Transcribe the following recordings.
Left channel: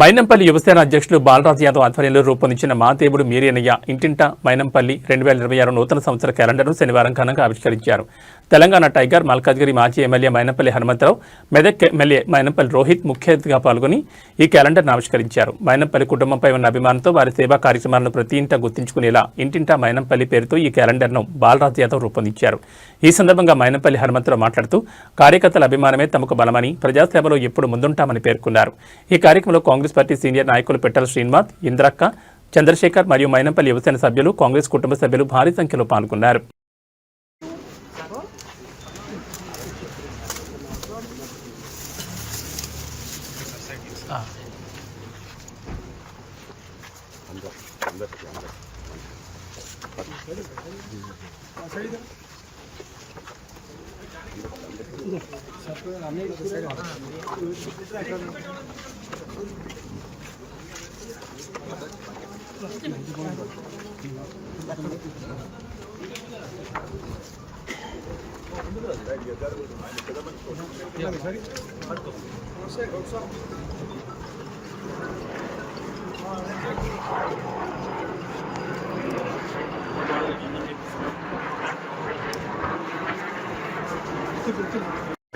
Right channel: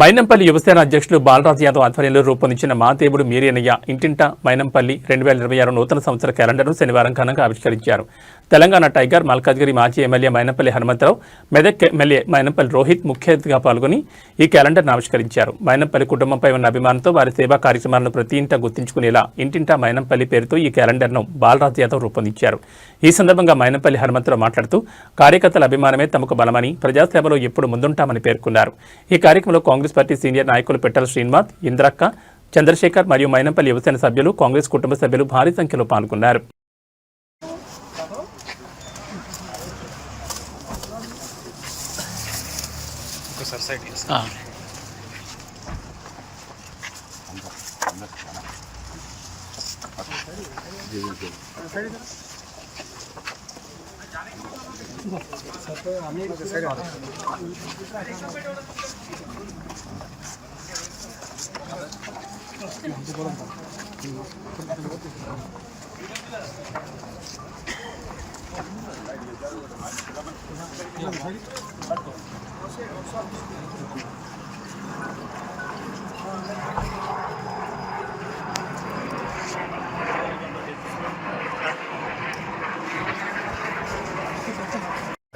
మైనంపల్లి యువసేన అధ్యక్షులు బాలరాజ్ యాదవ్ ఆధ్వర్యంలో రూపొందించిన మా దేవుడు మీరేనయ్య ఇంటింట మైనంపల్లి 2026 నూతన సంవత్సర క్యాలెండర్ను శనివారం ఘనంగా ఆవిష్కరించారు. తెలంగాణ టైగర్ మల్కాజ్గిరి మాజీ ఎమ్మెల్యే మైనంపల్లి హనుమంతరావు, మెదక్ ఎమ్మెల్యే మైనంపల్లి రోహిత్ ముఖ్య అతిథిగా పాల్గొని ఈ క్యాలెండర్ను ఆవిష్కరించారు. మైనంపల్లి కుటుంబంపై ఉన్న అభిమానంతో వారి సేవా కార్యక్రమాలను ప్రతి ఇంటా గుర్తించుకునేలా ఇంటింట మైనంపల్లి పేరుతో ఈ క్యాలెండర్ను బాలరాజ్ యాదవ్ రూపొందించారు. ఈ సందర్భంగా మైనంపల్లి హనుమంతరావు మాట్లాడుతూ కార్యకర్తల అభిమానమే తమకు బలమని, ప్రజాసేవలో ఎప్పుడు ముందుంటామని పేర్కొన్నారు. ఈ కార్యక్రమంలో కాంగ్రెస్ పార్టీ సీనియర్ నాయకులు పెట్టల శ్రీనివాస్, ఇంద్రక్క, చంద్రశేఖర్ మరియు మైనంపల్లి యువసేన సభ్యులు, కాంగ్రెస్ కుటుంబ సభ్యులు భారీ సంఖ్యలో పాల్గొన్నారు.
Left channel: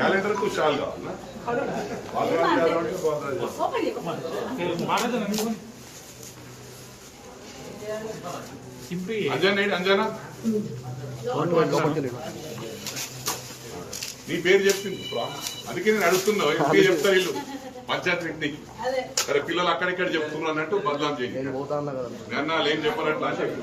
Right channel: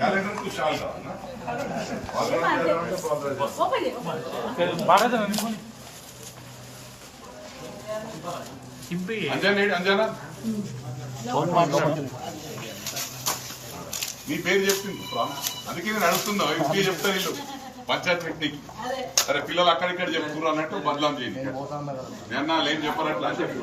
कैलेंडर को शाल अंजाना నీ పేరు చెప్పింది అందుకే నేను అడుగుతున్నా ఇంటికి చెప్తారు వీళ్ళు పంచాయత్ మీటింగ్ అరే పిల్లలు అక్కడిక్కడ చెప్తున్నారు అన్నట్టు బదలాం చేయండి నేను ఏం చెప్పనట్లు అని చెప్పి